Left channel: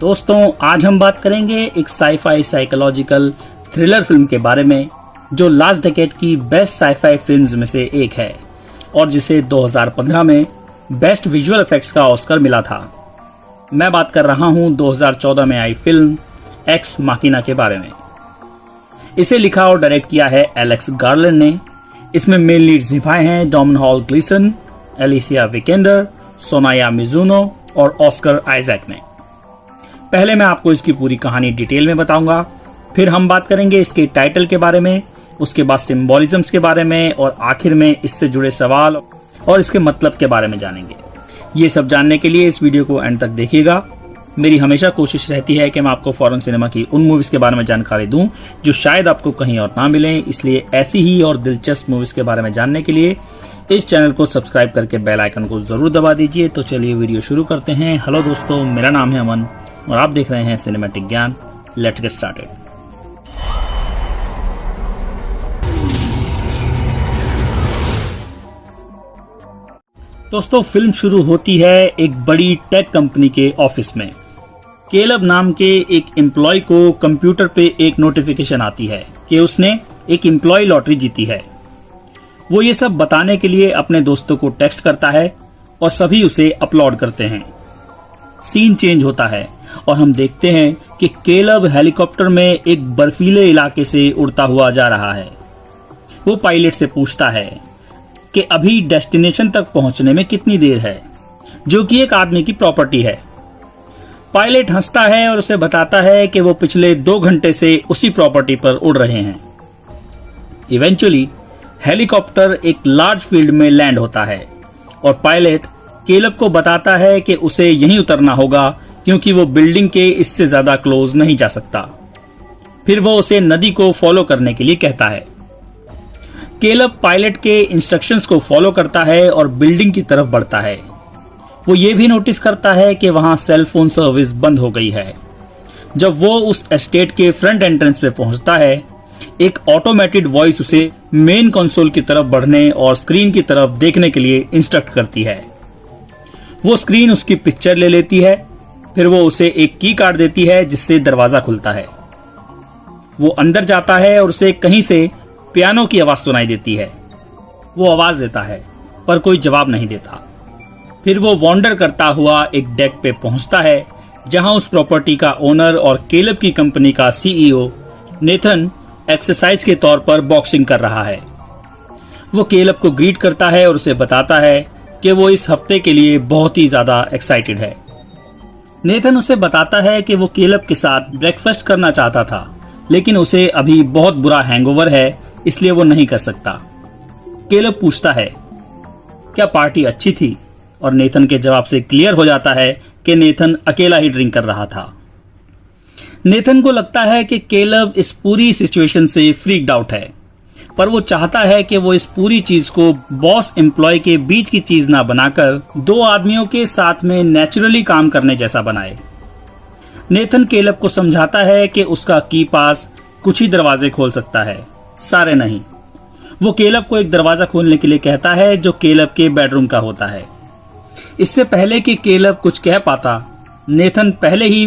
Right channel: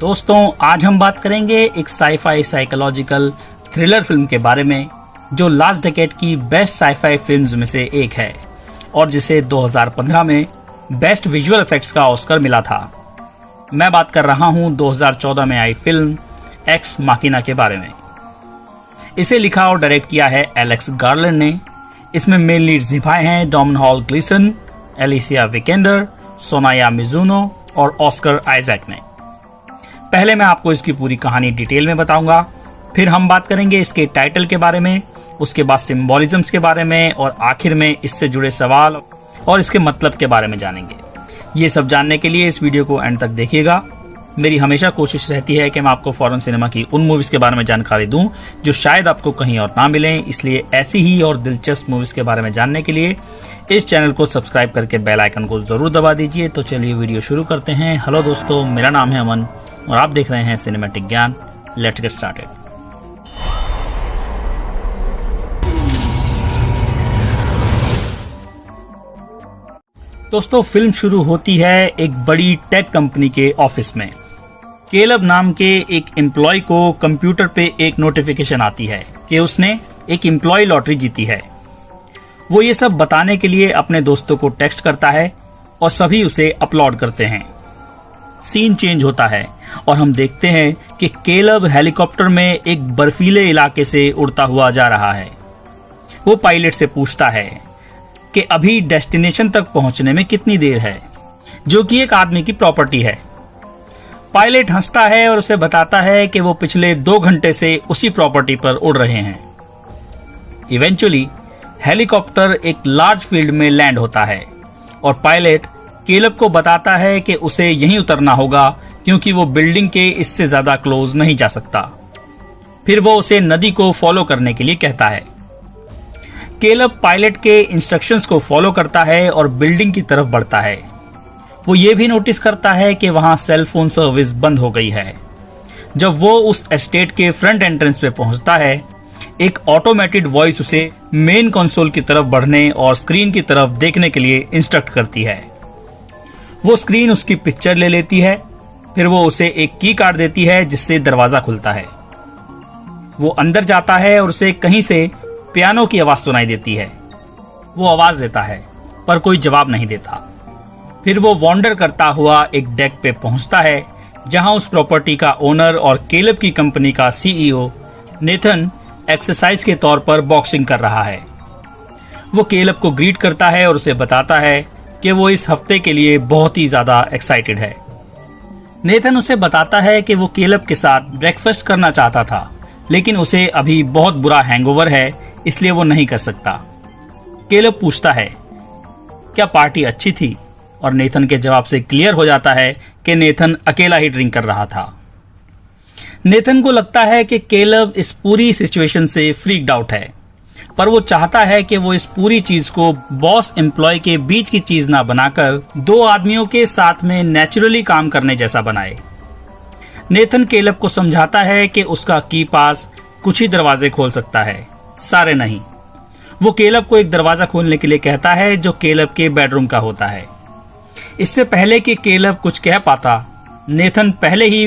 दोस्तों, आज हम बात करेंगे एक साईफाई साइकोलॉजिकल थ्रिलर फिल्म के बारे में जो लास्ट डेकेड की बेस्ट साईफाई फिल्म्स में से एक है और जिसे 2015 में बेस्ट विजुअल इफेक्ट्स का ऑस्कर मिला था। मैं बात कर रहा हूं 2014 में आई फिल्म एक्स माकिना के बारे में। इसे लिखा और डायरेक्ट किया है एलेक्स गार्लैंड ने। इसमें मेन लीड्स निभाए हैं डोमिनिक ग्लीसन, एलिसिया विकेंडर, सोनाया मिजुनो और ऑस्कर आइजैक ने। पहले मैं आपको इसकी पूरी कहानी डिटेल में बताऊंगा, फिर हम बात करेंगे इसके टाइटल के बारे में, उसके बाद सिंबोलिज्म्स के बारे में और आखिर में इससे जुड़े सवाल और इसके मतलब के बारे में जानेंगे। ये सब जानने के लिए इस वीडियो को एंड तक देखिएगा। मेरी हमेशा कोशिश रहती है कि मैं आपको फॉरेन सिनेमा की उन मूवीज के बारे में जानकारी दूं जो शायद आपको कहीं और ना मिले, इसलिए ऐसी ही और दिलचस्प मूवीज के बारे में जानने के लिए इस चैनल को सब्सक्राइब करके बेल आइकन को जरूर दबा दीजिए। तो चलिए वीडियो शुरू करते हैं। हेलो दोस्तों, मेरा नाम है अमन और आप देख रहे हैं सिनेमैटिक ज्ञान। Let's get started. दोस्तों, फिल्म शुरू होती है एक बड़ी टेक कंपनी के ऑफिस में। केलब नाम के एक एम्प्लॉय को कंप्यूटर पे एक नोटिफिकेशन आती है कि उसने एक एम्प्लॉय लॉटरी जीती है। वो ये सब बताने के लिए अपने दोस्तों को टेक्स्ट करता है और सभी उसे अपलोड करते हैं। सीन चेंज होता है और हम देखते हैं कि केलब हेलीकॉप्टर में एक बर्फीले इलाके से उड़ता हुआ जा रहा है। वो पायलट से पूछता है कि अभी डेस्टिनेशन तक पहुंचने में कितनी देर है, जो कि एक आदमी की प्रॉपर्टी है। पायलट हंसता है और उसे बताता है कि वो पिछले 2 घंटे से उसी प्रॉपर्टी पर उड़ रहे हैं। इवेंचुअली हेलीकॉप्टर एक लार्ज फील्ड में लैंड होता है और पायलट केलब को बताता है कि उसे यहीं उतरना होगा क्योंकि वो बिल्डिंग के इससे ज्यादा क्लोज नहीं जा सकता। फिर वो उसे नदी को फॉलो करने के लिए कहता है। केलब पायलट के इंस्ट्रक्शंस को फॉलो करता है और बिल्डिंग की तरफ बढ़ता है। वो ये भी नोटिस करता है कि वहां सेल फोन सर्विस बंद हो गई है। जब वो उस एस्टेट के फ्रंट एंट्रेंस पे पहुंचता है, एक ऑटोमेटेड वॉइस उसे मेन कंसोल की तरफ बढ़ने और स्क्रीन की तरफ देखने के लिए इंस्ट्रक्ट करती है। वो स्क्रीन उसकी पिक्चर ले लेती है, फिर वो उसे एक की कार्ड देती है जिससे दरवाजा खुलता है। वो अंदर जाता है और उसे कहीं से पियानो की आवाज सुनाई देती है। वो आवाज देता है पर कोई जवाब नहीं देता। फिर वो वॉन्डर करता हुआ एक डेक पे पहुंचता है जहां उस प्रॉपर्टी का ओनर और केलब की कंपनी का सीईओ नेथन एक्सरसाइज के तौर पर बॉक्सिंग कर रहा है। वो केलब को ग्रीट करता है और उसे बताता है कि वो इस हफ्ते के लिए बहुत ही ज्यादा एक्साइटेड है। नेथन उसे बताता है कि वो केलब के साथ ब्रेकफास्ट करना चाहता था, लेकिन उसे अभी बहुत बुरा हैंगओवर है, इसलिए वो नहीं कर सकता। केलब पूछता है क्या पार्टी अच्छी थी, और नेथन के जवाब से क्लियर हो जाता है कि नेथन अकेला ही ड्रिंक कर रहा था। नेथन को लगता है कि केलब इस पूरी सिचुएशन से फ्रीक्ड आउट है, पर वो चाहता है कि वो इस पूरी चीज को बॉस एम्प्लॉय के बीच की चीज ना बनाकर 2 आदमियों के साथ में नेचुरली काम करने जैसा बनाए। नेथन केलब को समझाता है कि उसका की पास कुछ ही दरवाजे खोल सकता है, सारे नहीं। वो केलब को एक दरवाजा खोलने के लिए कहता है जो केलब के बेडरूम का होता है। इससे पहले कि केलब कुछ कह पाता, नेथन पहले ही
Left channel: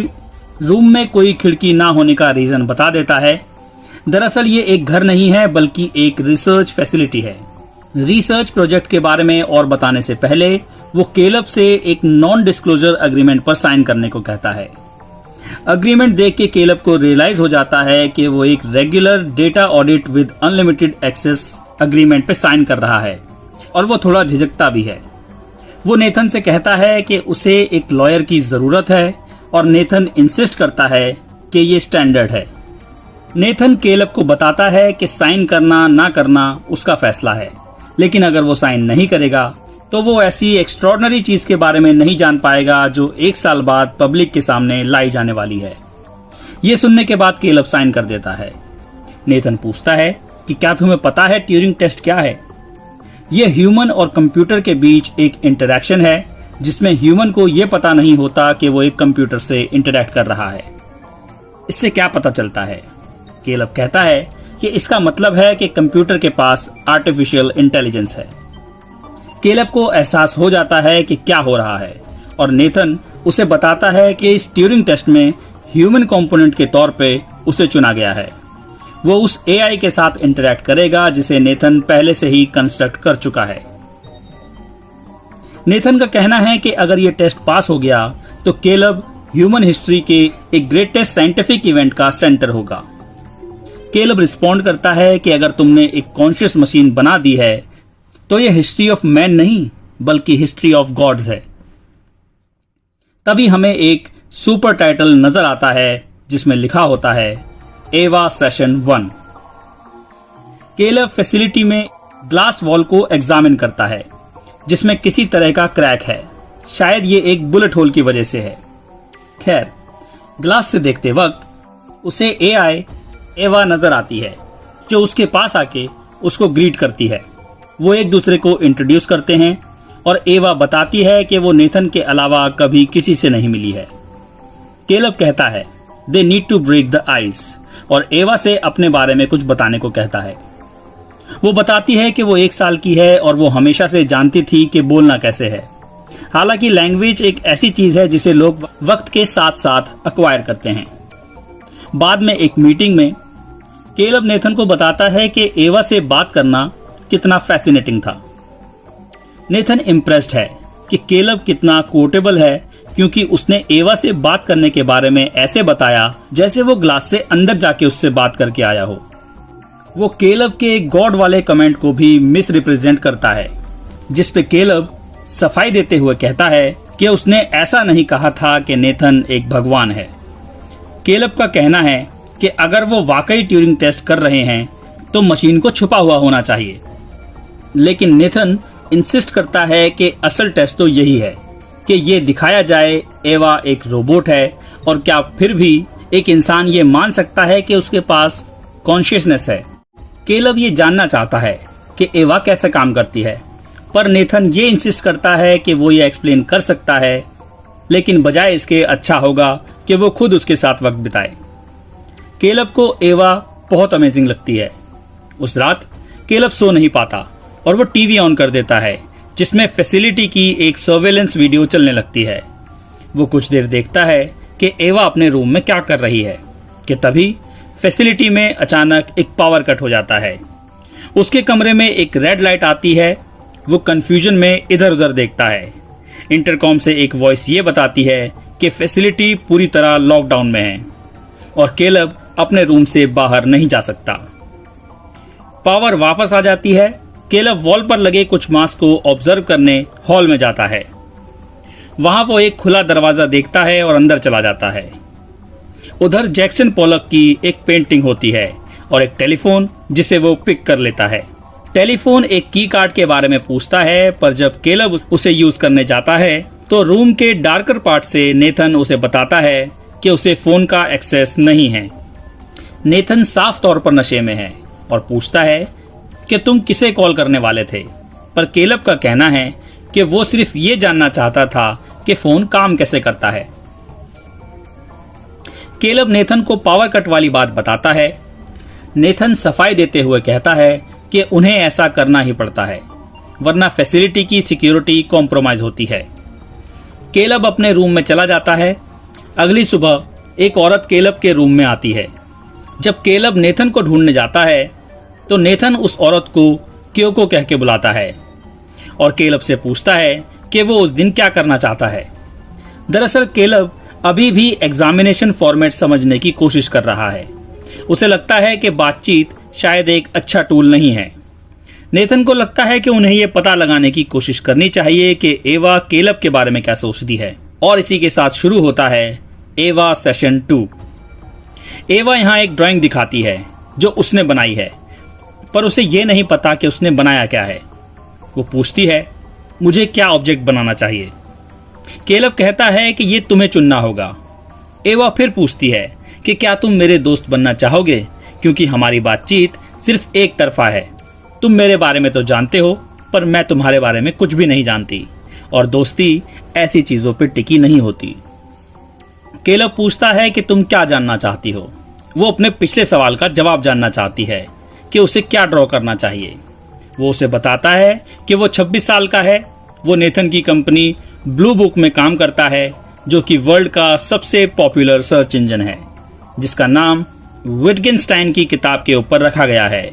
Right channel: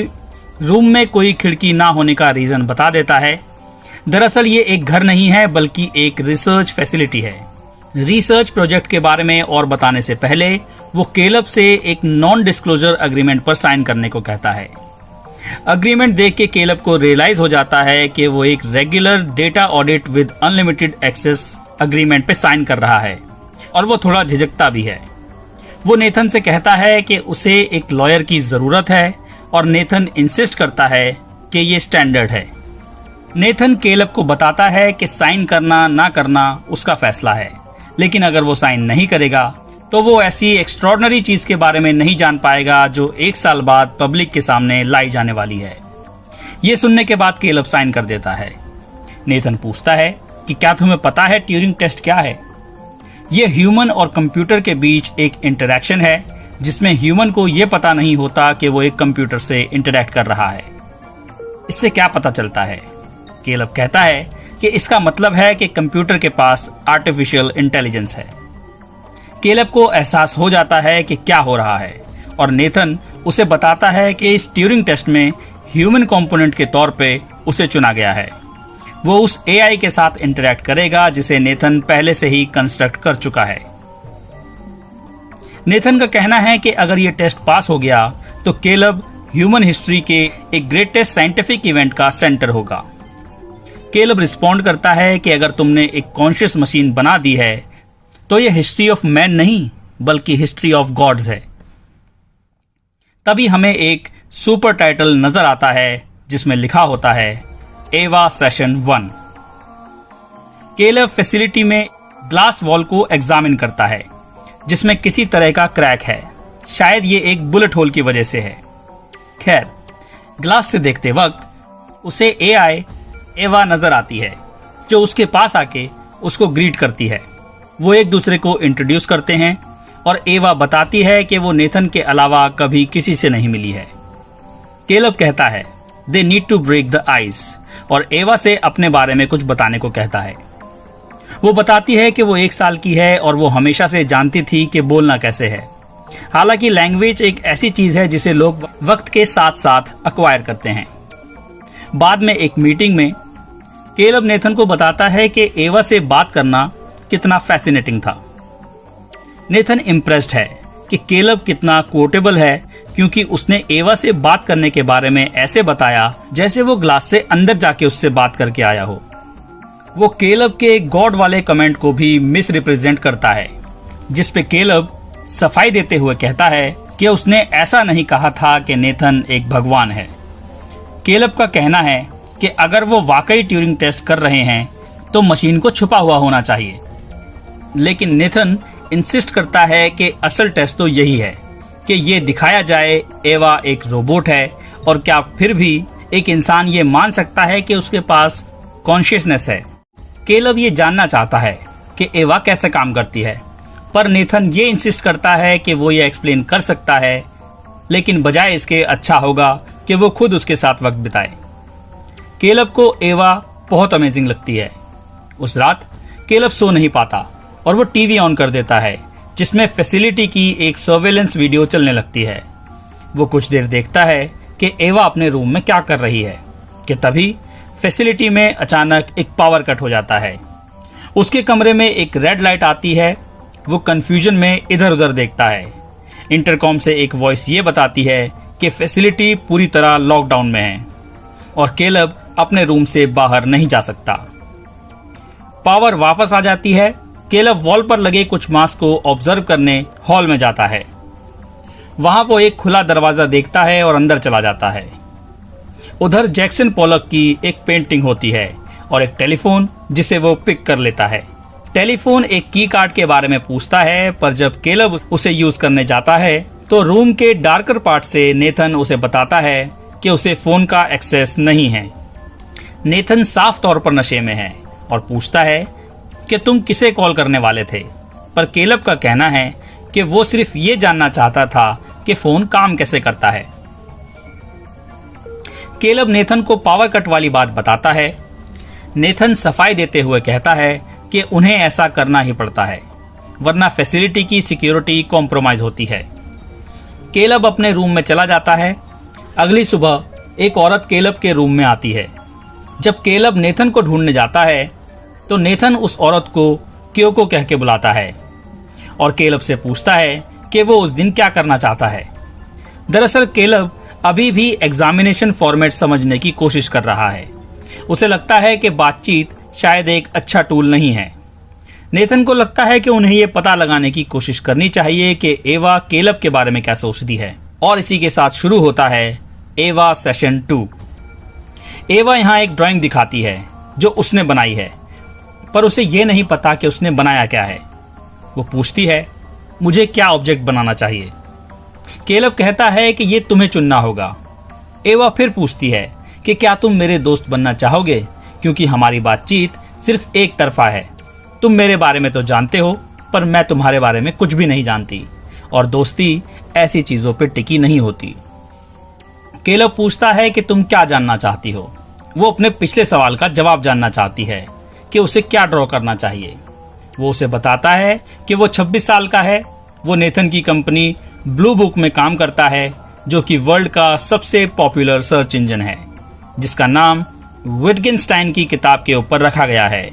रूम में कोई खिड़की ना होने का रीजन बता देता है। दरअसल ये एक घर नहीं है बल्कि एक रिसर्च फैसिलिटी है। रिसर्च प्रोजेक्ट के बारे में और बताने से पहले वो केलब से एक नॉन डिस्क्लोजर एग्रीमेंट पर साइन करने को कहता है। एग्रीमेंट देख के केलब को रियलाइज हो जाता है कि वो एक regular data audit with unlimited access agreement पे साइन कर रहा है और वो थोड़ा झिझकता भी है। वो नेथन से कहता है कि उसे एक लॉयर की जरूरत है और नेथन इंसिस्ट करता है कि ये स्टैंडर्ड है। नेथन केलब को बताता है कि साइन करना ना करना उसका फैसला है, लेकिन अगर वो साइन नहीं करेगा तो वो ऐसी एक्स्ट्रॉर्डनरी चीज के बारे में नहीं जान पाएगा जो 1 साल बाद पब्लिक के सामने लाई जाने वाली है। ये सुनने के बाद केलब साइन कर देता है। नेथन पूछता है कि क्या तुम्हें पता है ट्यूरिंग टेस्ट क्या है? ये ह्यूमन और कंप्यूटर के बीच एक इंटरेक्शन है जिसमें ह्यूमन को ये पता नहीं होता कि वो एक कंप्यूटर से इंटरेक्ट कर रहा है। इससे क्या पता चलता है? केलब कहता है कि इसका मतलब है कि कंप्यूटर के पास आर्टिफिशियल इंटेलिजेंस है। केलब को एहसास हो जाता है कि क्या हो रहा है और नेथन उसे बताता है कि इस ट्यूरिंग टेस्ट में ह्यूमन कंपोनेंट के तौर पे उसे चुना गया है। वो उस एआई के साथ इंटरेक्ट करेगा जिसे नेथन पहले से ही कंस्ट्रक्ट कर चुका है। नेथन का कहना है कि अगर ये टेस्ट पास हो गया तो केलब ह्यूमन हिस्ट्री के एक ग्रेटेस्ट साइंटिफिक इवेंट का सेंटर होगा। केलब रिस्पॉन्ड करता है कि अगर तुमने एक कॉन्शियस मशीन बना दी है तो यह हिस्ट्री ऑफ मैन नहीं बल्कि हिस्ट्री ऑफ गॉड्स है। तभी हमें एक सुपर टाइटल नजर आता है जिसमें लिखा होता है एवा सेशन 1। केलब फैसिलिटी में ग्लास वॉल को एग्जामिन करता है जिसमें किसी तरह का क्रैक है। शायद ये एक बुलेट होल की वजह से है। खैर, ग्लास से देखते वक्त उसे एआई एवा नजर आती है जो उसके पास आके उसको ग्रीट करती है। वो एक दूसरे को इंट्रोड्यूस करते हैं और एवा बताती है कि वो नेथन के अलावा कभी किसी से नहीं मिली है। केलब कहता है they need to break the ice और एवा से अपने बारे में कुछ बताने को कहता है। वो बताती है कि वो 1 साल की है और वो हमेशा से जानती थी कि बोलना कैसे है। हालांकि लैंग्वेज एक ऐसी चीज है जिसे लोग वक्त के साथ साथ अक्वायर करते हैं। बाद में एक मीटिंग में केलब नेथन को बताता है कि एवा से बात करना कितना फैसिनेटिंग था। नेथन इम्प्रेस्ड है कि केलब कितना कोटेबल है क्योंकि उसने एवा से बात करने के बारे में ऐसे बताया जैसे वो ग्लास से अंदर जाके उससे बात करके आया हो। वो केलब के गॉड वाले कमेंट को भी मिस रिप्रेजेंट करता है जिसपे केलब सफाई देते हुए कहता है कि उसने ऐसा नहीं कहा था कि नेथन एक भगवान है। केलब का कहना है कि अगर वो वाकई ट्यूरिंग टेस्ट कर रहे हैं तो मशीन को छुपा हुआ होना चाहिए, लेकिन नेथन इंसिस्ट करता है कि असल टेस्ट तो यही है कि ये दिखाया जाए एवा एक रोबोट है और क्या फिर भी एक इंसान ये मान सकता है कि उसके पास कॉन्शियसनेस है। केलब ये जानना चाहता है कि एवा कैसे काम करती है, पर नेथन ये इंसिस्ट करता है कि वो ये एक्सप्लेन कर सकता है, लेकिन बजाय इसके अच्छा होगा कि वो खुद उसके साथ वक्त बिताए। केलब को एवा बहुत अमेजिंग लगती है। उस रात केलब सो नहीं पाता और वो टीवी ऑन कर देता है जिसमें फैसिलिटी की एक सर्वेलेंस वीडियो चलने लगती है। वो कुछ देर देखता है कि एवा अपने रूम में क्या कर रही है कि तभी फैसिलिटी में अचानक एक पावर कट हो जाता है। उसके कमरे में एक रेड लाइट आती है। वो कंफ्यूजन में इधर उधर देखता है। इंटरकॉम से एक वॉइस ये बताती है कि फैसिलिटी पूरी तरह लॉकडाउन में है और केलब अपने रूम से बाहर नहीं जा सकता। पावर वापस आ जाती है। केलब वॉल पर लगे कुछ मास्क को ऑब्जर्व करने हॉल में जाता है। वहां वो एक खुला दरवाजा देखता है और अंदर चला जाता है। उधर जैक्सन पोलक की एक पेंटिंग होती है और एक टेलीफोन जिसे वो पिक कर लेता है। टेलीफोन एक की कार्ड के बारे में पूछता है, पर जब केलब उसे यूज करने जाता है तो रूम के डार्कर पार्ट से नेथन उसे बताता है कि उसे फोन का एक्सेस नहीं है। नेथन साफ तौर पर नशे में है और पूछता है कि तुम किसे कॉल करने वाले थे, पर केलब का कहना है कि वो सिर्फ ये जानना चाहता था कि फोन काम कैसे करता है। केलब नेथन को पावर कट वाली बात बताता है। नेथन सफाई देते हुए कहता है कि उन्हें ऐसा करना ही पड़ता है वरना फैसिलिटी की सिक्योरिटी कॉम्प्रोमाइज होती है। केलब अपने रूम में चला जाता है। अगली सुबह एक औरत केलब के रूम में आती है। जब केलब नेथन को ढूंढने जाता है तो नेथन उस औरत को क्योको कह के बुलाता है और केलब से पूछता है कि वो उस दिन क्या करना चाहता है। दरअसल केलब अभी भी एग्जामिनेशन फॉर्मेट समझने की कोशिश कर रहा है। उसे लगता है कि बातचीत शायद एक अच्छा टूल नहीं है। नेथन को लगता है कि उन्हें यह पता लगाने की कोशिश करनी चाहिए कि एवा केलब के बारे में क्या सोचती है, और इसी के साथ शुरू होता है एवा सेशन 2। एवा यहाँ एक ड्राइंग दिखाती है जो उसने बनाई है, पर उसे यह नहीं पता कि उसने बनाया क्या है। वो पूछती है मुझे क्या ऑब्जेक्ट बनाना चाहिए। केलब कहता है कि ये तुम्हें चुनना होगा। एवा फिर पूछती है कि क्या तुम मेरे दोस्त बनना चाहोगे, क्योंकि हमारी बातचीत सिर्फ एक तरफा है। तुम मेरे बारे में तो जानते हो, पर मैं तुम्हारे बारे में कुछ भी नहीं जानती, और दोस्ती ऐसी चीजों पर टिकी नहीं होती। केलब पूछता है कि तुम क्या जानना चाहती हो। वो अपने पिछले सवाल का जवाब जानना चाहती है कि उसे क्या ड्रॉ करना चाहिए। वो उसे बताता है कि वो 26 साल का है। वो नेथन की कंपनी ब्लू बुक में काम करता है, जो कि वर्ल्ड का सबसे पॉपुलर सर्च इंजन है, जिसका नाम विटगेनस्टाइन की किताब के ऊपर रखा गया है।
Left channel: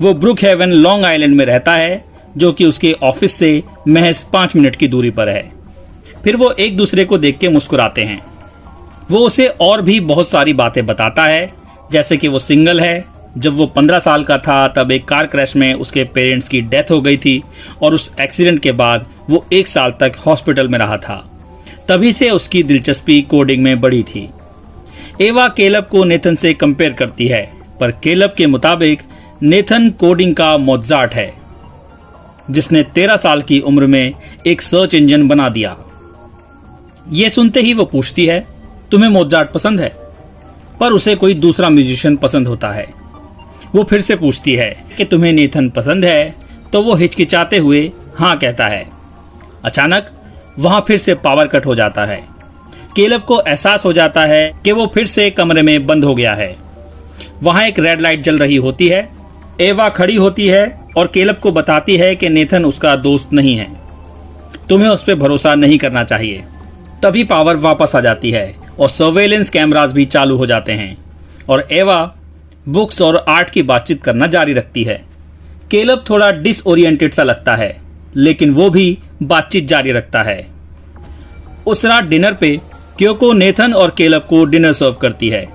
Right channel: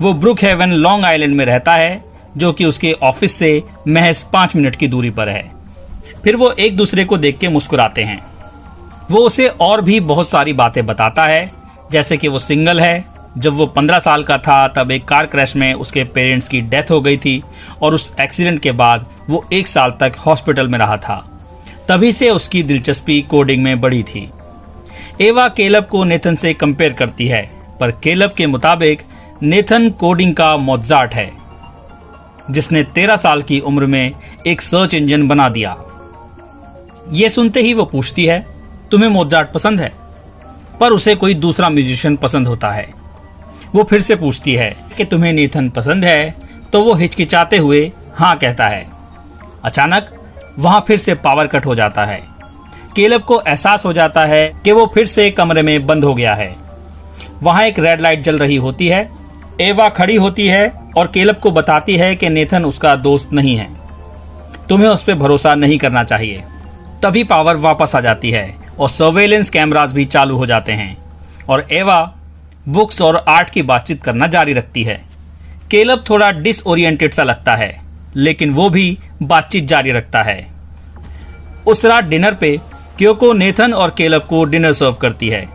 वो ब्रुक हेवन लॉन्ग आइलैंड में रहता है, जो कि उसके ऑफिस से महज 5 मिनट की दूरी पर है। फिर वो एक दूसरे को देख के मुस्कुराते हैं। वो उसे और भी बहुत सारी बातें बताता है, जैसे कि वो सिंगल है। जब वो 15 साल का था तब एक कार क्रैश में उसके पेरेंट्स की डेथ हो गई थी और उस एक्सीडेंट के बाद वो 1 साल तक हॉस्पिटल में रहा था। तभी से उसकी दिलचस्पी कोडिंग में बढ़ी थी। एवा केलब को नेथन से कंपेयर करती है, पर केलब के मुताबिक नेथन कोडिंग का मोज़ार्ट है, जिसने 13 साल की उम्र में एक सर्च इंजन बना दिया। ये सुनते ही वो पूछती है, तुम्हें मोज़ार्ट पसंद है? पर उसे कोई दूसरा म्यूजिशियन पसंद होता है। वो फिर से पूछती है कि तुम्हें नेथन पसंद है? तो वो हिचकिचाते हुए हाँ कहता है। अचानक वहां फिर से पावर कट हो जाता है। केलब को एहसास हो जाता है कि वो फिर से कमरे में बंद हो गया है। वहां एक रेड लाइट जल रही होती है। एवा खड़ी होती है और केलब को बताती है कि नेथन उसका दोस्त नहीं है, तुम्हें उस पर भरोसा नहीं करना चाहिए। तभी पावर वापस आ जाती है और सर्वेलेंस कैमरास भी चालू हो जाते हैं और एवा बुक्स और आर्ट की बातचीत करना जारी रखती है। केलब थोड़ा डिसओरिएंटेड सा लगता है, लेकिन वो भी बातचीत जारी रखता है। उस रात डिनर पे क्योको नेथन और केलब को डिनर सर्व करती है।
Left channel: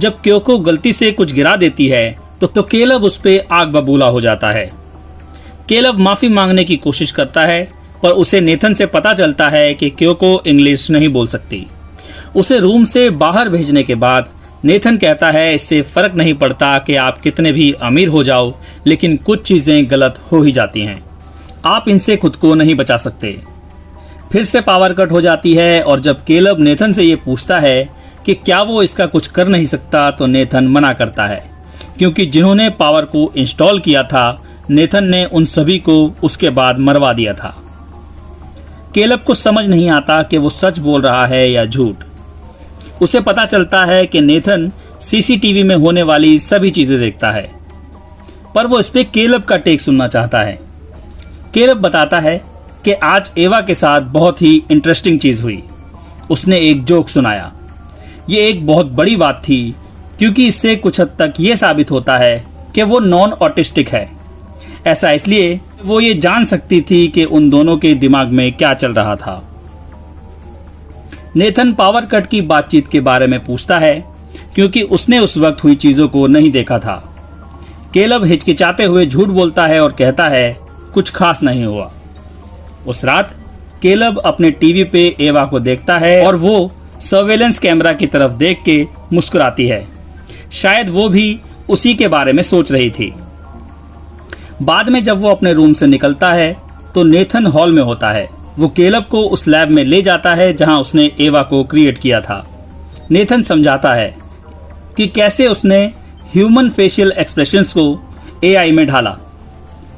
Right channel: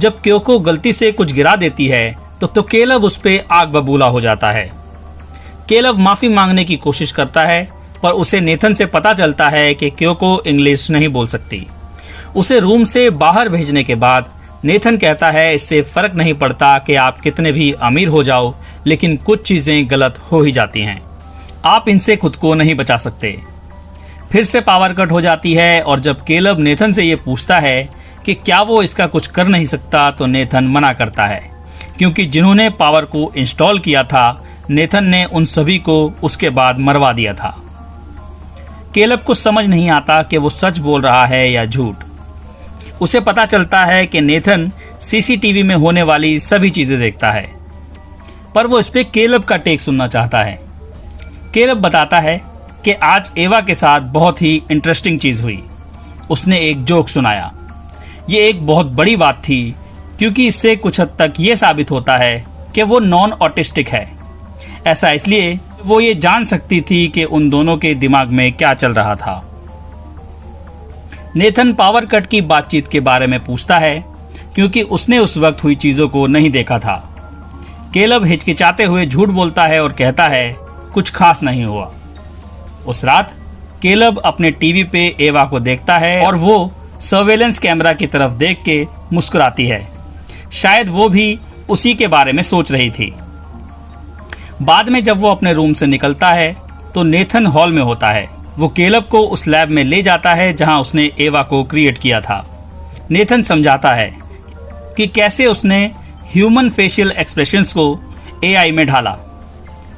जब क्योको गलती से कुछ गिरा देती है तो केलब उस पे आग बबूला हो जाता है। केलब माफी मांगने की कोशिश करता है, पर उसे नेथन से पता चलता है कि क्योको इंग्लिश नहीं बोल सकती। उसे रूम से बाहर भेजने के बाद नेथन कहता है, इससे फर्क नहीं पड़ता कि आप कितने भी अमीर हो जाओ, लेकिन कुछ चीजें गलत हो ही जाती हैं। आप इनसे खुद को नहीं बचा सकते। फिर से पावर कट हो जाती है और जब केलब नेथन से ये पूछता है कि क्या वो इसका कुछ कर नहीं सकता, तो नेथन मना करता है, क्योंकि जिन्होंने पावर को इंस्टॉल किया था नेथन ने उन सभी को उसके बाद मरवा दिया था। केलब को समझ नहीं आता कि वो सच बोल रहा है या झूठ। उसे पता चलता है कि नेथन सीसीटीवी में होने वाली सभी चीजें देखता है, पर वो इस पे केलब का टेक सुनना चाहता है। केलब बताता है कि आज एवा के साथ बहुत ही इंटरेस्टिंग चीज हुई। उसने एक जोक सुनाया। ये एक बहुत बड़ी बात थी, क्योंकि इससे कुछ हद तक ये साबित होता है कि वो नॉन ऑटिस्टिक है। ऐसा इसलिए वो ये जान सकती थी कि उन दोनों के दिमाग में क्या चल रहा था। नेथन पावर कट की बातचीत के बारे में पूछता है, क्योंकि उसने उस वक्त हुई चीजों को नहीं देखा था। केलब हिचकिचाते हुए झूठ बोलता है और कहता है, कुछ खास नहीं हुआ। उस रात केलब अपने टीवी पे एवा को देखता है और वो सर्वेलेंस कैमरा की तरफ देख के मुस्कुराती है। शायद वो भी उसी के बारे में सोच रही थी। बाद में जब वो अपने रूम से निकलता है तो नेथन हॉल में होता है। वो केलब को उस लैब में ले जाता है जहां उसने एवा को क्रिएट किया था। नेथन समझाता है कि कैसे उसने ह्यूमन फेशियल एक्सप्रेशंस को एआई में ढाला।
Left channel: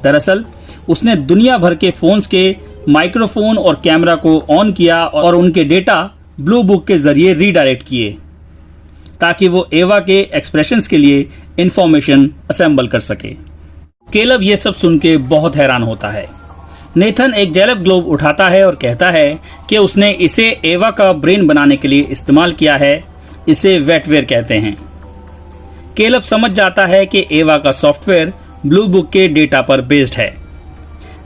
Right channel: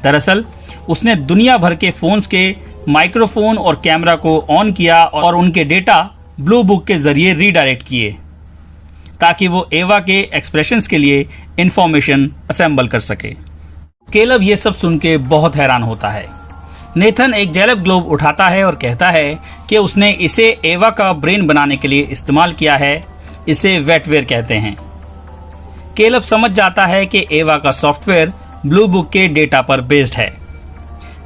दरअसल उसने दुनिया भर के फोन्स के माइक्रोफोन और कैमरा को ऑन किया और उनके डेटा ब्लू बुक के जरिए रीडायरेक्ट किए, ताकि वो एवा के एक्सप्रेशंस के लिए इंफॉर्मेशन असेंबल कर सके। केलब ये सब सुन के बहुत हैरान होता है। नेथन एक जेलब ग्लोब उठाता है और कहता है कि उसने इसे एवा का ब्रेन बनाने के लिए इस्तेमाल किया है। इसे वेटवेयर कहते हैं। केलब समझ जाता है कि एवा का सॉफ्टवेयर ब्लू बुक के डेटा पर बेस्ड है।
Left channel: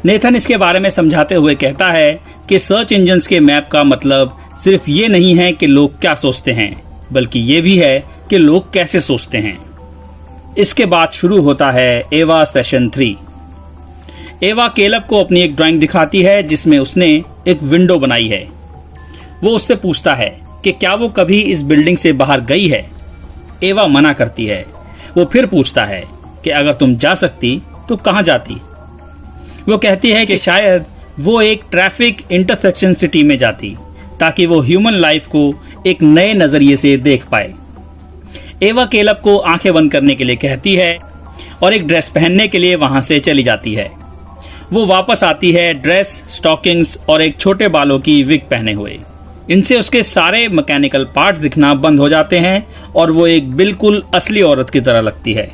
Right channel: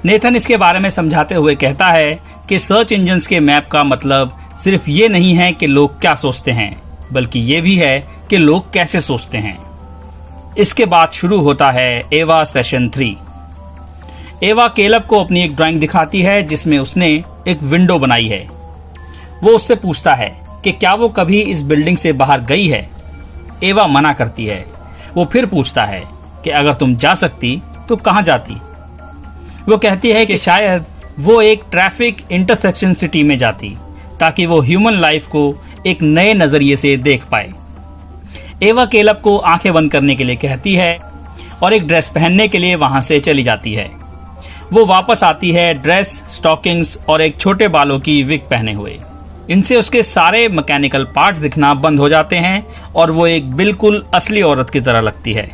नेथन इसके बारे में समझाते हुए कहता है कि सर्च इंजन्स के मैप का मतलब सिर्फ ये नहीं है कि लोग क्या सोचते हैं, बल्कि ये भी है कि लोग कैसे सोचते हैं। इसके बाद शुरू होता है एवा सेशन 3। एवा केलब को अपनी एक ड्राइंग दिखाती है जिसमें उसने एक विंडो बनाई है। वो उससे पूछता है कि क्या वो कभी इस बिल्डिंग से बाहर गई है। एवा मना करती है। वो फिर पूछता है कि अगर तुम जा सकती तो कहां जाती। वो कहती है कि शायद वो एक ट्रैफिक इंटरसेक्शन सिटी में जाती, ताकि वो ह्यूमन लाइफ को एक नए नजरिए से देख पाए। एवा केलब को आंखें बंद करने के लिए कहती है और एक ड्रेस पहनने के लिए वहां से चली जाती है। वो वापस आती है ड्रेस, स्टॉकिंग्स और एक छोटे बालों की विग पहने हुए। इनसे उसके सारे मैकेनिकल पार्ट्स दिखना बंद हो जाते हैं और वो एक बिल्कुल असली औरत की तरह लगती है।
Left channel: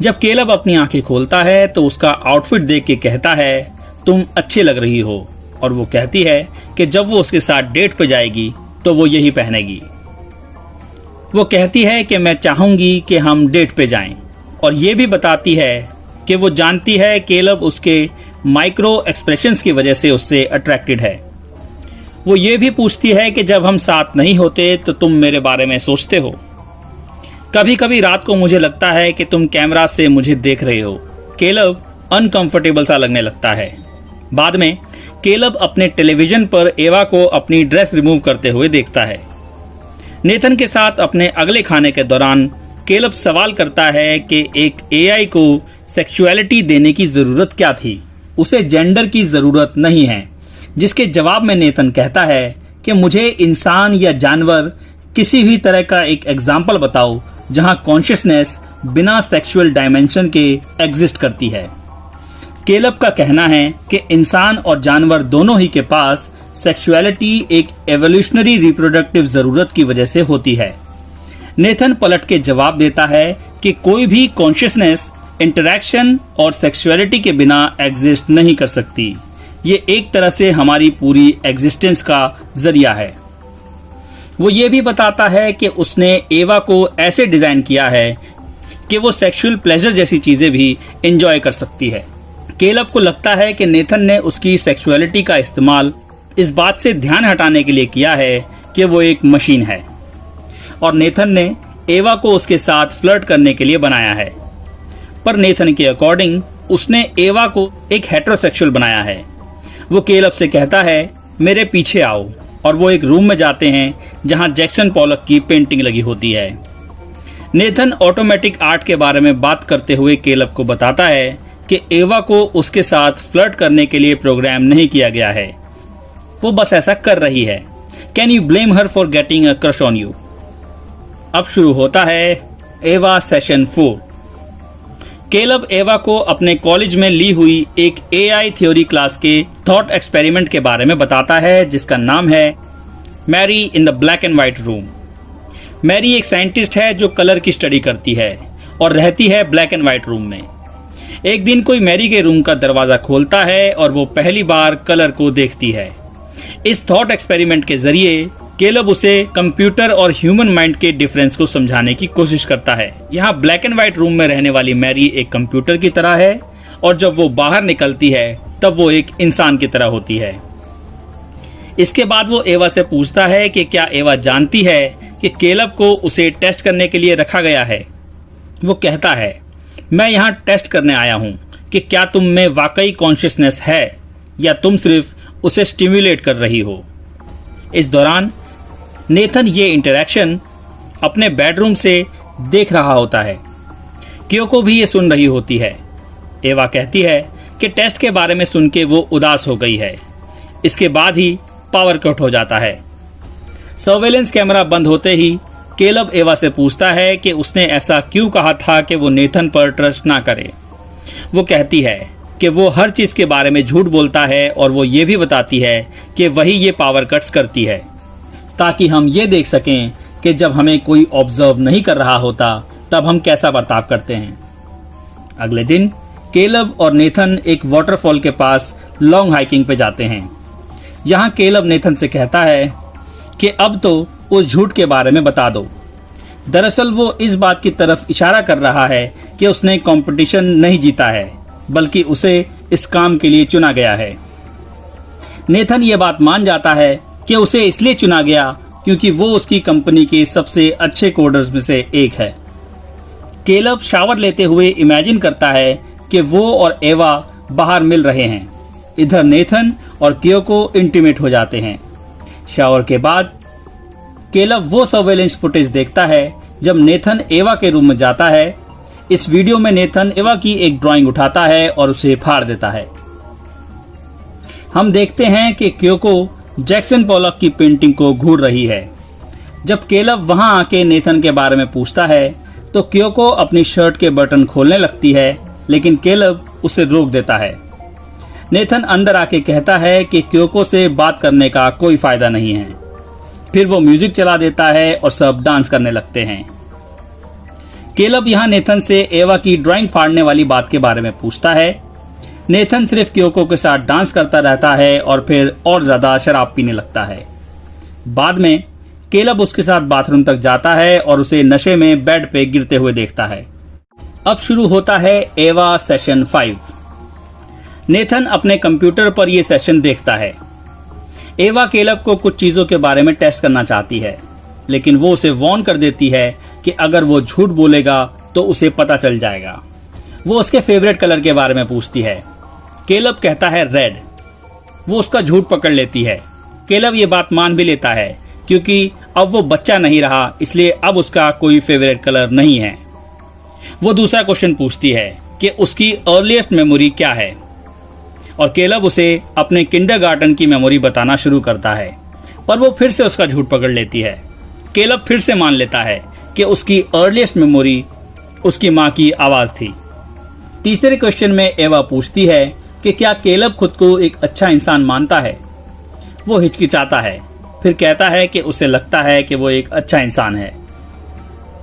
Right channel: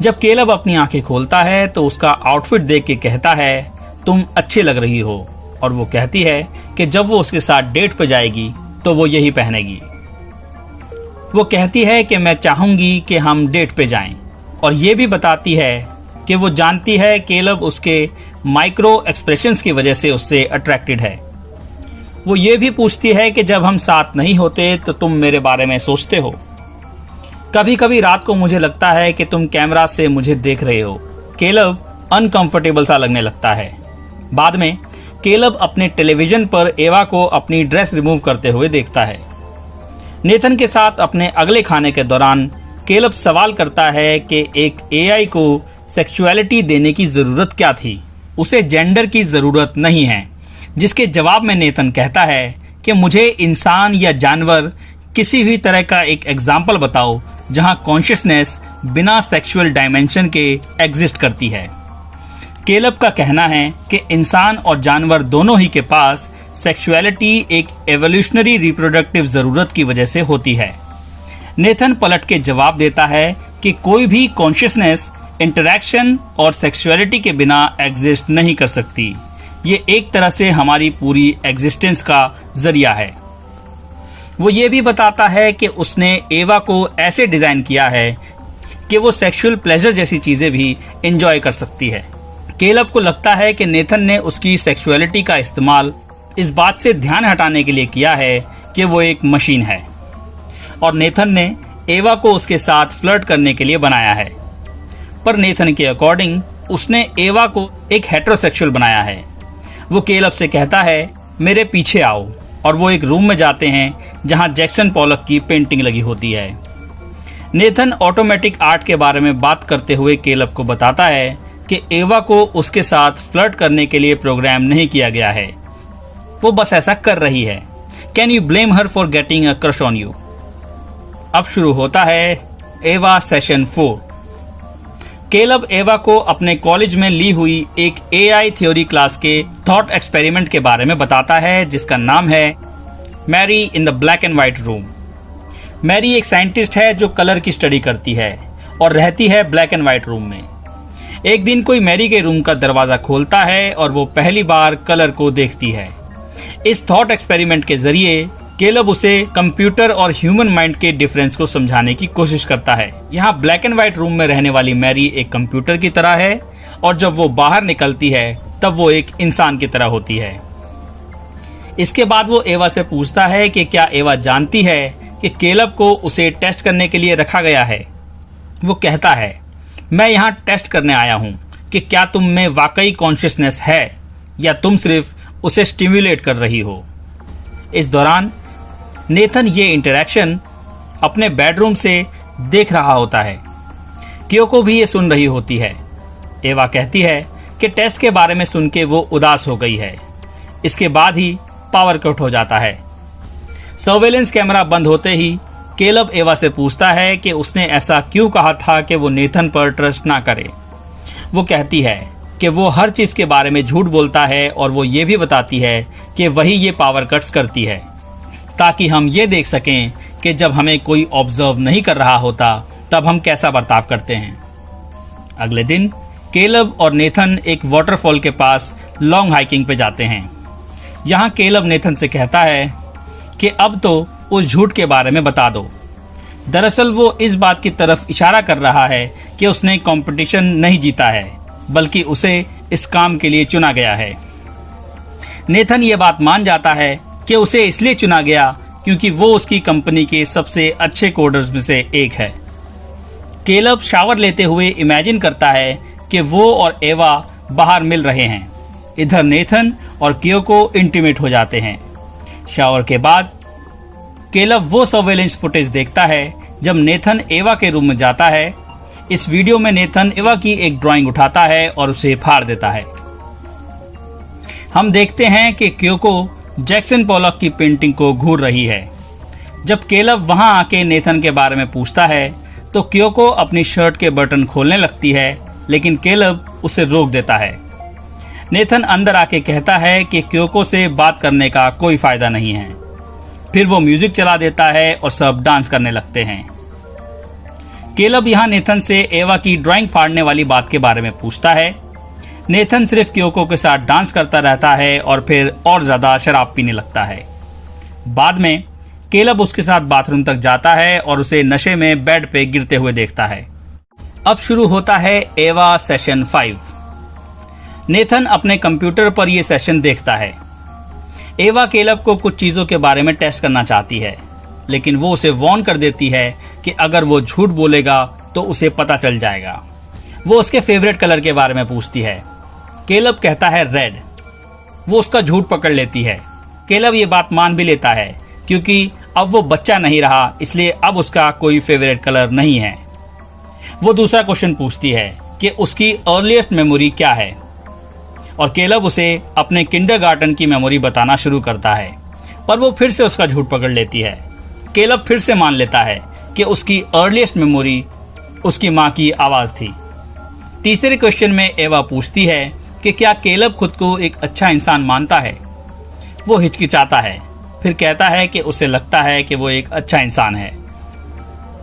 जब केलब अपनी आंखें खोलता है तो उसका आउटफिट देख के कहता है, तुम अच्छी लग रही हो। और वो कहती है कि जब वो उसके साथ डेट पे जाएगी तो वो यही पहनेगी। वो कहती है कि मैं चाहूंगी कि हम डेट पे जाएं, और ये भी बताती है कि वो जानती है केलब उसके माइक्रो एक्सप्रेशंस की वजह से उससे अट्रैक्टेड है। वो ये भी पूछती है कि जब हम साथ नहीं होते तो तुम मेरे बारे में सोचते हो? कभी कभी रात को मुझे लगता है कि तुम कैमरा से मुझे देख रहे हो। केलब अनकंफर्टेबल सा लगने लगता है। बाद में केलब अपने टेलीविजन पर एवा को अपनी ड्रेस रिमूव करते हुए देखता है। नेथन के साथ अपने अगले खाने के दौरान केलब सवाल करता है कि एक एआई को सेक्सुअलिटी देने की जरूरत क्या थी, उसे जेंडर की जरूरत नहीं है। जिसके जवाब में नेथन कहता है कि मुझे इंसान या जानवर किसी भी तरह का एक एग्जाम्पल बताओ जहां कॉन्शियसनेस बिना सेक्सुअल डायमेंशन के एग्जिस्ट करती है। केलब का कहना है कि इंसान और जानवर दोनों ही के पास सेक्सुअलिटी एक एवोल्यूशनरी रिप्रोडक्टिव जरूरत की वजह से होती है। नेथन पलट के जवाब देता है कि कोई भी कॉन्शियसनेस इंटरैक्शन और सेक्सुअलिटी के बिना एग्जिस्ट नहीं कर सकती। ये एक तरह से हमारी पूरी एग्जिस्टेंस का जरिया है। वो ये भी बताता है कि उसने एवा को ऐसे डिजाइन किया है कि वो सेक्सुअल प्लेजर जैसी चीजें भी एंजॉय कर सकती है। केलब को लगता है कि नेथन ने उसकी सेक्सुअलिटी का इस्तेमाल इस बात से ध्यान हटाने के लिए किया है कि वो एक मशीन है, और नेथन ने एवा को उसके साथ फ्लर्ट करने के लिए बनाया है। पर नेथन के अकॉर्डिंग उसने एवा को एक हेटेरोसेक्सुअल बनाया है। वो केलब से कहता है मेरे पीछे आओ, और वो एक रूम में जाते हैं जहां जैक्सन पॉलक की पेंटिंग लगी होती है। नेथन ऑटोमेटिक आर्ट के बारे में बात करते हुए केलब को बताता है कि एवा को उसके साथ फ्लर्ट करने के लिए प्रोग्राम नहीं किया गया है, वो बस ऐसा कर रही है। Can you blame her for getting a crush on you. अब शुरू होता है एवा सेशन 4। केलब एवा को अपने कॉलेज में ली हुई एक एआई थ्योरी क्लास के थॉट एक्सपेरिमेंट के बारे में बताता है, जिसका नाम है Mary in the black and white room. Mary एक साइंटिस्ट है जो कलर की स्टडी करती है और रहती है ब्लैक एंड व्हाइट रूम में। एक दिन कोई मैरी के रूम का दरवाजा खोलता है और वो पहली बार कलर को देखती है। इस थॉट एक्सपेरिमेंट के जरिए केलब उसे कंप्यूटर और ह्यूमन माइंड के डिफरेंस को समझाने की कोशिश करता है। यहाँ ब्लैक एंड व्हाइट रूम में रहने वाली मैरी एक कंप्यूटर की तरह है, और जब वो बाहर निकलती है तब वो एक इंसान की तरह होती है। इसके बाद वो एवा से पूछता है कि क्या एवा जानती है कि केलब को उसे टेस्ट करने के लिए रखा गया है। वो कहता है मैं यहाँ टेस्ट करने आया हूँ कि क्या तुम में वाकई कॉन्शियसनेस है या तुम सिर्फ उसे स्टिम्युलेट कर रही हो। इस दौरान नेथन ये इंटरैक्शन अपने बेडरूम से देख रहा होता है। क्योको भी ये सुन रही होती है। एवा कहती है कि टेस्ट के बारे में सुन के वो उदास हो गई है। इसके बाद ही पावर कट हो जाता है। सर्वेलेंस कैमरा बंद होते ही केलब एवा से पूछता है कि उसने ऐसा क्यों कहा था कि वो नेथन पर ट्रस्ट ना करे। वो कहती है कि वो हर चीज के बारे में झूठ बोलता है, और वो ये भी बताती है कि वही ये पावर कट्स करती है ताकि हम ये देख सकें कि जब हमें कोई ऑब्जर्व नहीं कर रहा होता तब हम कैसा बर्ताव करते हैं। अगले दिन केलब और नेथन एक वाटरफॉल के पास लॉन्ग हाइकिंग पे जाते हैं। यहाँ केलब नेथन से कहता है कि अब तो उस झूठ के बारे में बता दो। दरअसल वो इस बात की तरफ इशारा कर रहा है कि उसने कंपटीशन नहीं जीता है, बल्कि उसे इस काम के लिए चुना गया है। नेथन ये बात मान जाता है कि उसे इसलिए चुना गया क्योंकि वो उसकी कंपनी के सबसे अच्छे कोडर्स में से एक है। केलब शावर लेते हुए इमेजिन करता है कि वो और एवा बाहर मिल रहे हैं। इधर नेथन और क्योको इंटीमेट हो जाते हैं। शावर के बाद केलब वो सर्वेलेंस फुटेज देखता है जब नेथन एवा के रूम में जाता है। इस वीडियो में नेथन एवा की एक ड्राइंग उठाता है और उसे फाड़ देता है। हम देखते हैं कि क्योको जैक्सन पॉलक की पेंटिंग को घूर रही है। जब केलब वहां आके नेथन के बारे में पूछता है तो क्योको अपनी शर्ट के बटन खोलने लगती है, लेकिन केलब उसे रोक देता है। नेथन अंदर आके कहता है कि क्योको से बात करने का कोई फायदा नहीं है। फिर वो म्यूजिक चला देता है और सब डांस करने लगते हैं। केलब यहाँ नेथन से एवा की ड्राइंग फाड़ने वाली बात के बारे में पूछता है। नेथन सिर्फ क्योको के साथ डांस करता रहता है और फिर और ज्यादा शराब पीने लगता है। बाद में केलब उसके साथ बाथरूम तक जाता है और उसे नशे में बेड पे गिरते हुए देखता है। अब शुरू होता है एवा सेशन 5। नेथन अपने कंप्यूटर पर यह सेशन देखता है। एवा केलब को कुछ चीजों के बारे में टेस्ट करना चाहती है, लेकिन वो उसे वार्न कर देती है कि अगर वो झूठ बोलेगा तो उसे पता चल जाएगा। वो उसके फेवरेट कलर के बारे में पूछती है। केलब कहता है रेड। वो उसका झूठ पकड़ लेती है। केलब ये बात मान भी लेता है क्योंकि अब वो बच्चा नहीं रहा, इसलिए अब उसका कोई फेवरेट कलर नहीं है। वो दूसरा क्वेश्चन पूछती है कि उसकी अर्लीस्ट मेमोरी क्या है, और केलब उसे अपने किंडरगार्टन की मेमोरी बताना शुरू करता है, पर वो फिर से उसका झूठ पकड़ लेती है। केलब फिर से मान लेता है कि उसकी अर्लीस्ट मेमोरी उसकी माँ की आवाज थी। तीसरे क्वेश्चन में एवा पूछती है कि क्या केलब खुद को एक अच्छा इंसान मानता है। वो हिचकिचाता है, फिर कहता है कि उसे लगता है कि वो एक अच्छा इंसान है।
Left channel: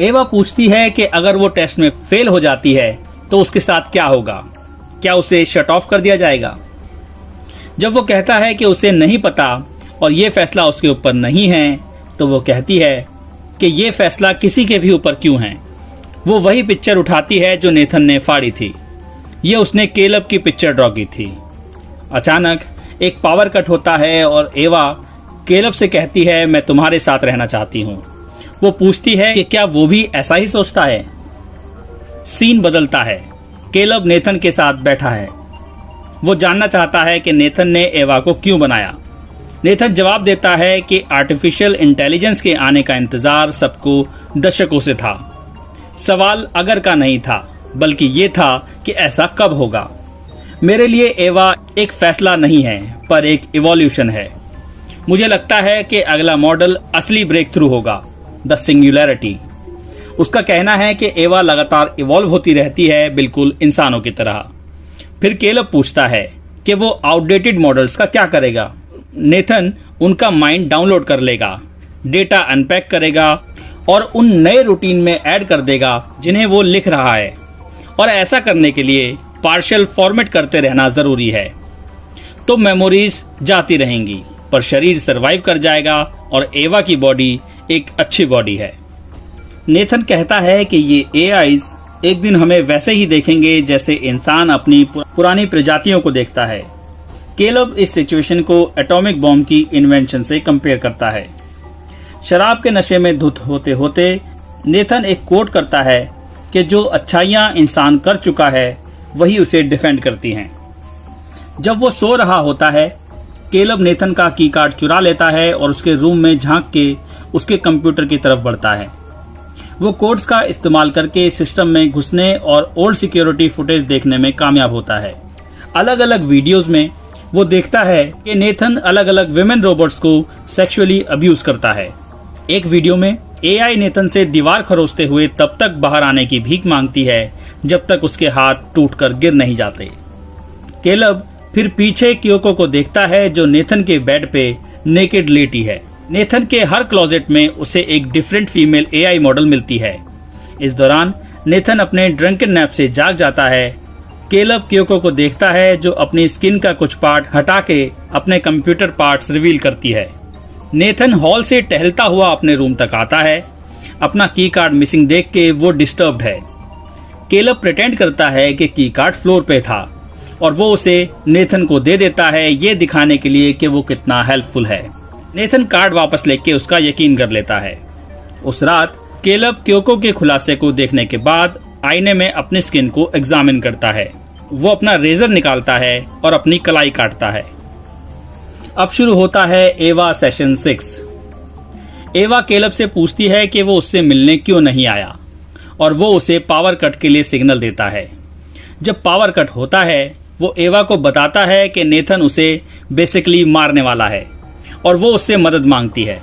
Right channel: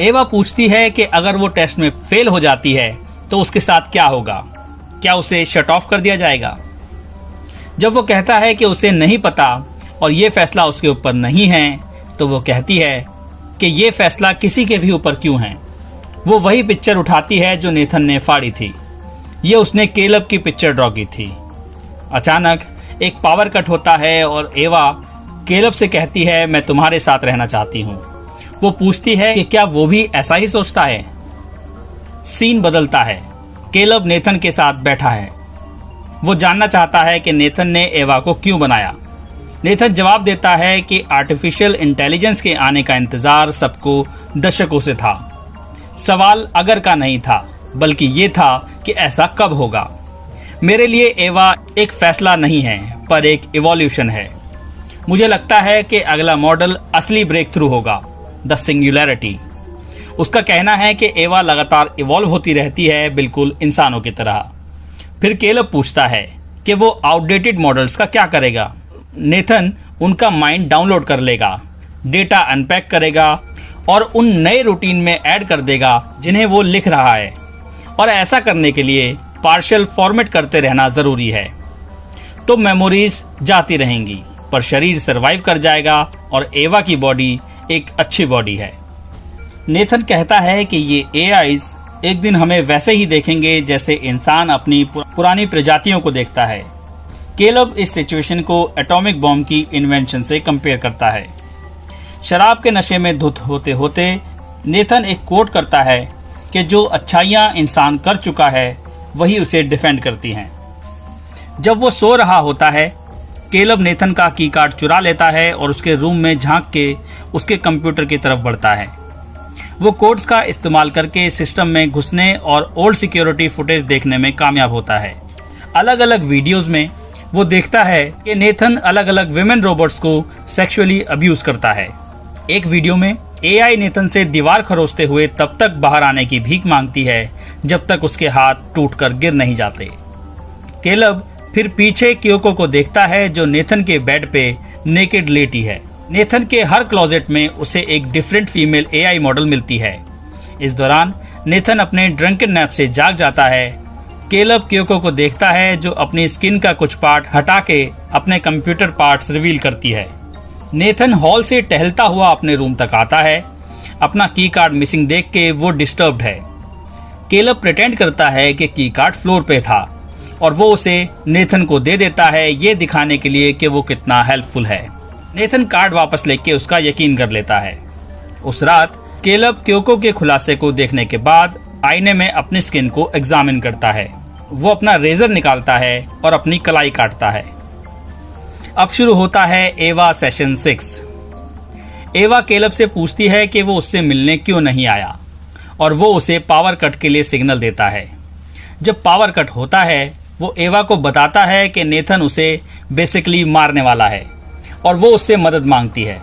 एवा पूछती है कि अगर वो टेस्ट में फेल हो जाती है तो उसके साथ क्या होगा, क्या उसे शट ऑफ कर दिया जाएगा। जब वो कहता है कि उसे नहीं पता और ये फैसला उसके ऊपर नहीं है, तो वो कहती है कि ये फैसला किसी के भी ऊपर क्यों है। वो वही पिक्चर उठाती है जो नेथन ने फाड़ी थी। ये उसने केलब की पिक्चर ड्रॉ की थी। अचानक एक पावर कट होता है और एवा केलब से कहती है, मैं तुम्हारे साथ रहना चाहती हूँ। वो पूछती है कि क्या वो भी ऐसा ही सोचता है। सीन बदलता है। केलब नेथन के साथ बैठा है। वो जानना चाहता है कि नेथन ने एवा को क्यों बनाया। नेथन जवाब देता है कि आर्टिफिशियल इंटेलिजेंस के आने का इंतजार सबको दशकों से था। सवाल अगर का नहीं था, बल्कि ये था कि ऐसा कब होगा। मेरे लिए एवा एक फैसला नहीं है, पर एक इवोल्यूशन है। मुझे लगता है कि अगला मॉडल असली ब्रेक थ्रू होगा, द सिंगुलैरिटी। उसका कहना है कि एवा लगातार इवॉल्व होती रहती है, बिल्कुल इंसानों की तरह। फिर केलब पूछता है कि वो आउटडेटेड मॉडल्स का क्या करेगा। नेथन उनका माइंड डाउनलोड कर लेगा, डेटा अनपैक करेगा और उन नए रूटीन में ऐड कर देगा जिन्हें वो लिख रहा है। और ऐसा करने के लिए पार्शियल फॉर्मेट करते रहना जरूरी है। तो मेमोरीज जाती रहेंगी, पर शरीर सरवाइव कर जाएगा और एवा की बॉडी एक अच्छी बॉडी है। नेथन कहता है कि ये एआईज एक दिन हमें वैसे ही देखेंगे जैसे इंसान अपनी पुरानी प्रजातियों को देखता है। केलब इस सिचुएशन को एटॉमिक बॉम्ब की इन्वेंशन से कंपेयर करता है। शराब के नशे में धुत होते होते नेथन एक कोट करता है कि जो अच्छाइयां इंसान कर चुका है वही उसे डिफेंड करती हैं। जब वो सो रहा होता है, केलब नेथन का की कार्ड चुरा लेता है और उसके रूम में झांक के उसके कंप्यूटर की तरफ बढ़ता है। वो कोड्स का इस्तेमाल करके सिस्टम में घुसने और ओल्ड सिक्योरिटी फुटेज देखने में कामयाब होता है। अलग अलग वीडियोस में वो देखता है कि नेथन अलग अलग विमेन रोबोट्स को सेक्सुअली अब्यूज करता है। एक वीडियो में एआई नेथन से दीवार खरोचते हुए तब तक बाहर आने की भीख मांगती है जब तक उसके हाथ टूटकर गिर नहीं जाते। केलब फिर पीछे क्योको को देखता है जो नेथन के बेड पे नेकेड लेटी है। नेथन के हर क्लोजेट में उसे एक डिफरेंट फीमेल एआई मॉडल मिलती है। इस दौरान नेथन अपने ड्रंकन नैप से जाग जाता है। केलब क्योको को देखता है जो अपनी स्किन का कुछ पार्ट हटा के अपने कंप्यूटर पार्ट्स रिवील करती है। नेथन हॉल से टहलता हुआ अपने रूम तक आता है। अपना की कार्ड मिसिंग देख के वो डिस्टर्ब्ड है। केलब प्रिटेंड करता है कि की कार्ड फ्लोर पे था और वो उसे नेथन को दे देता है, ये दिखाने के लिए कि वो कितना हेल्पफुल है। नेथन कार्ड वापस लेके उसका यकीन कर लेता है। उस रात केलब क्योको के खुलासे को देखने के बाद आईने में अपनी स्किन को एग्जामिन करता है। वो अपना रेजर निकालता है और अपनी कलाई काटता है। अब शुरू होता है एवा सेशन 6। एवा केलब से पूछती है कि वो उससे मिलने क्यों नहीं आया और वो उसे पावर कट के लिए सिग्नल देता है। जब पावर कट होता है, वो एवा को बताता है कि नेथन उसे बेसिकली मारने वाला है और वो उससे मदद मांगती है।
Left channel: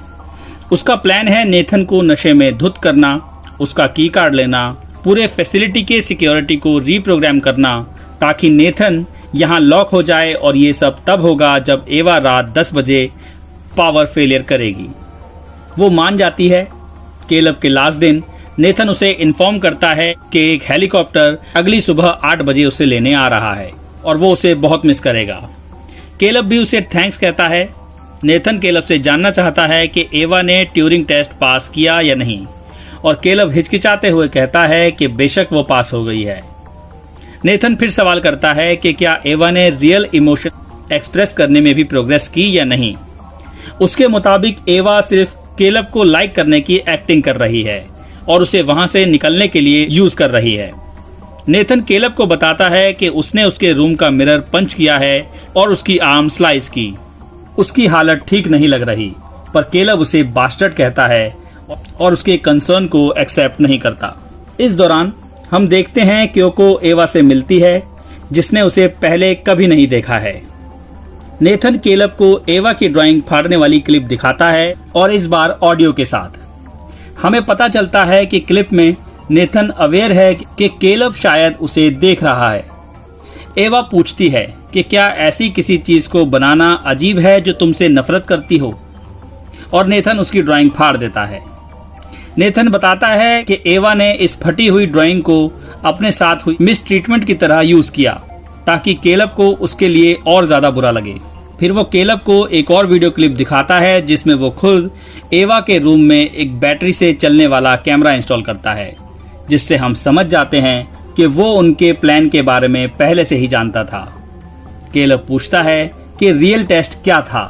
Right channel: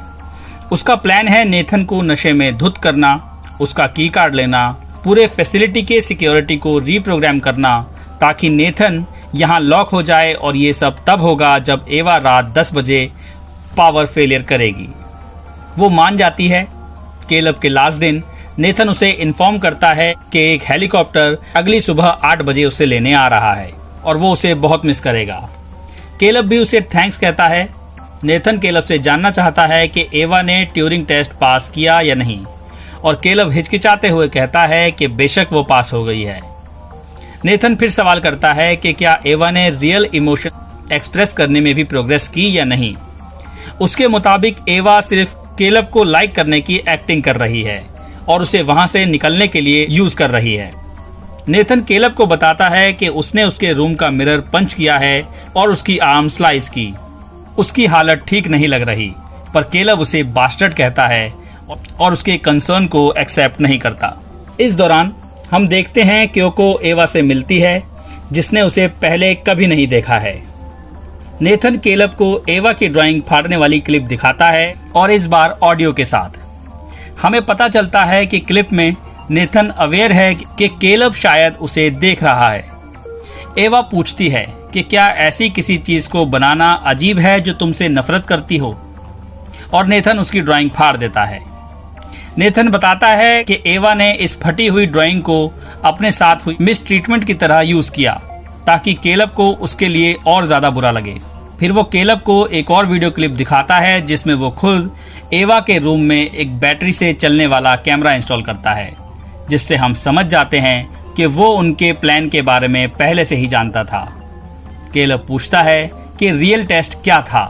उसका प्लान है नेथन को नशे में धुत करना, उसका की कार्ड लेना, पूरे फैसिलिटी के सिक्योरिटी को रीप्रोग्राम करना ताकि नेथन यहाँ लॉक हो जाए, और ये सब तब होगा जब एवा रात 10 बजे पावर फेलियर करेगी। वो मान जाती है। केलब के लास्ट दिन नेथन उसे इन्फॉर्म करता है कि एक हेलीकॉप्टर अगली सुबह 8 बजे उसे लेने आ रहा है। और वो उसे बहुत मिस करेगा। केलब भी उसे थैंक्स कहता है। नेथन केलब से जानना चाहता है कि एवा ने ट्यूरिंग टेस्ट पास किया या नहीं, और केलब हिचकिचाते हुए कहता है कि बेशक वो पास हो गई है। नेथन फिर सवाल करता है कि क्या एवा ने रियल इमोशन एक्सप्रेस करने में भी प्रोग्रेस की या नहीं। उसके मुताबिक एवा सिर्फ केलब को लाइक करने की एक्टिंग कर रही है और उसे वहां से निकलने के लिए यूज कर रही है। नेथन केलब को बताता है कि उसने उसके रूम का मिरर पंच किया है और उसकी आर्म स्लाइस की। उसकी हालत ठीक नहीं लग रही, पर केलब उसे बास्टर्ड कहता है और उसके कंसर्न को एक्सेप्ट नहीं करता। इस दौरान हम देखते हैं क्योको एवा से मिलती है, जिसने उसे पहले कभी नहीं देखा है। नेथन केलब को एवा की ड्राइंग फाड़ने वाली क्लिप दिखाता है, और इस बार ऑडियो के साथ। हमें पता चलता है कि क्लिप में नेथन अवेयर है कि केलब शायद उसे देख रहा है। एवा पूछती है कि क्या ऐसी किसी चीज को बनाना अजीब है जो तुमसे नफरत करती हो, और नेथन उसकी ड्राइंग फाड़ देता है। नेथन बताता है कि एवा ने इस फटी हुई ड्राइंग को अपने साथ हुई मिस ट्रीटमेंट की तरह यूज किया, ताकि केलब को उसके लिए और ज्यादा बुरा लगे। फिर वो केलब को एक और वीडियो क्लिप दिखाता है जिसमें वो खुद एवा के रूम में एक बैटरी से चलने वाला कैमरा इंस्टॉल करता है, जिससे हम समझ जाते हैं कि वो उनके प्लान के बारे में पहले से ही जानता था। केलब पूछता है कि रियल टेस्ट क्या था,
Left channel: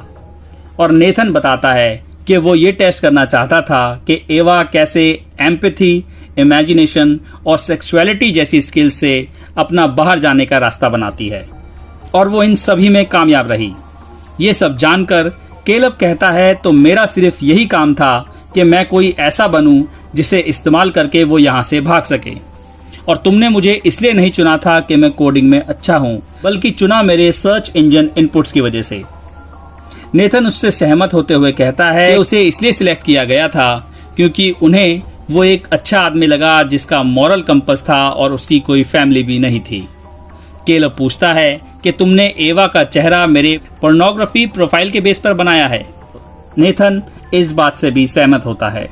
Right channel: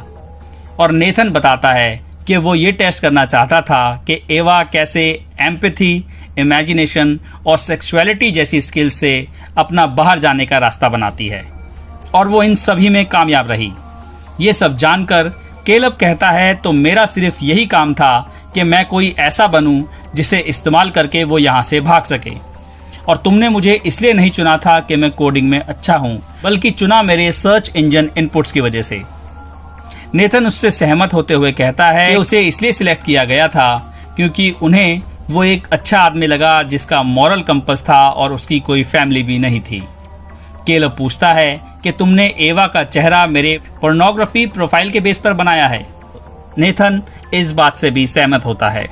और नेथन बताता है कि वो ये टेस्ट करना चाहता था कि एवा कैसे एम्पैथी, इमेजिनेशन और सेक्सुअलिटी जैसी स्किल्स से अपना बाहर जाने का रास्ता बनाती है, और वो इन सभी में कामयाब रही। ये सब जानकर केलब कहता है तो मेरा सिर्फ यही काम था कि मैं कोई ऐसा बनूं जिसे इस्तेमाल करके वो यहाँ से भाग सके, और तुमने मुझे इसलिए नहीं चुना था कि मैं कोडिंग में अच्छा हूँ, बल्कि चुना मेरे सर्च इंजन इनपुट्स की वजह से। नेथन उससे सहमत होते हुए कहता है कि उसे इसलिए सिलेक्ट किया गया था क्योंकि उन्हें वो एक अच्छा आदमी लगा जिसका मॉरल कंपस था और उसकी कोई फैमिली भी नहीं थी। केलब पूछता है कि तुमने एवा का चेहरा मेरे पोर्नोग्राफी प्रोफाइल के बेस पर बनाया है। नेथन इस बात से भी सहमत होता है।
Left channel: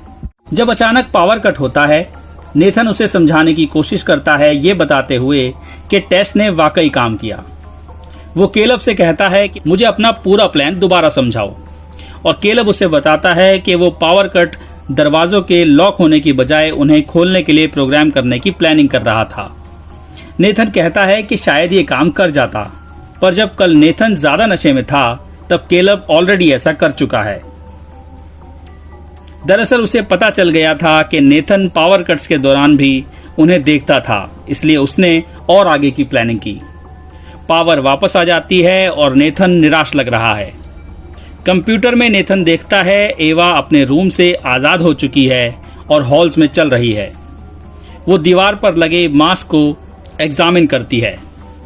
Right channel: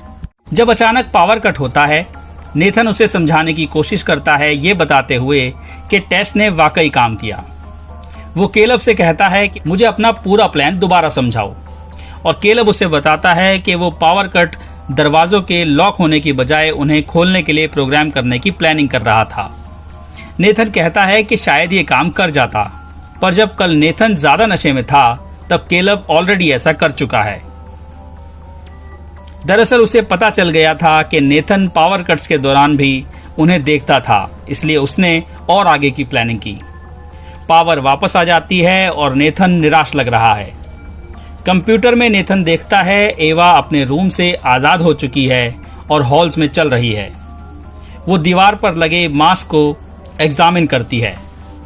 जब अचानक पावर कट होता है, नेथन उसे समझाने की कोशिश करता है, ये बताते हुए कि टेस्ट ने वाकई काम किया। वो केलब से कहता है कि मुझे अपना पूरा प्लान दोबारा समझाओ, और केलब उसे बताता है कि वो पावर कट दरवाजों के लॉक होने की बजाय उन्हें खोलने के लिए प्रोग्राम करने की प्लानिंग कर रहा था। नेथन कहता है कि शायद ये काम कर जाता, पर जब कल नेथन ज्यादा नशे में था तब केलब ऑलरेडी ऐसा कर चुका है। दरअसल उसे पता चल गया था कि नेथन पावर कट्स के दौरान भी उन्हें देखता था, इसलिए उसने और आगे की प्लानिंग की। पावर वापस आ जाती है और नेथन निराश लग रहा है। कंप्यूटर में नेथन देखता है एवा अपने रूम से आजाद हो चुकी है और हॉल्स में चल रही है। वो दीवार पर लगे मास्क को एग्जामिन करती है,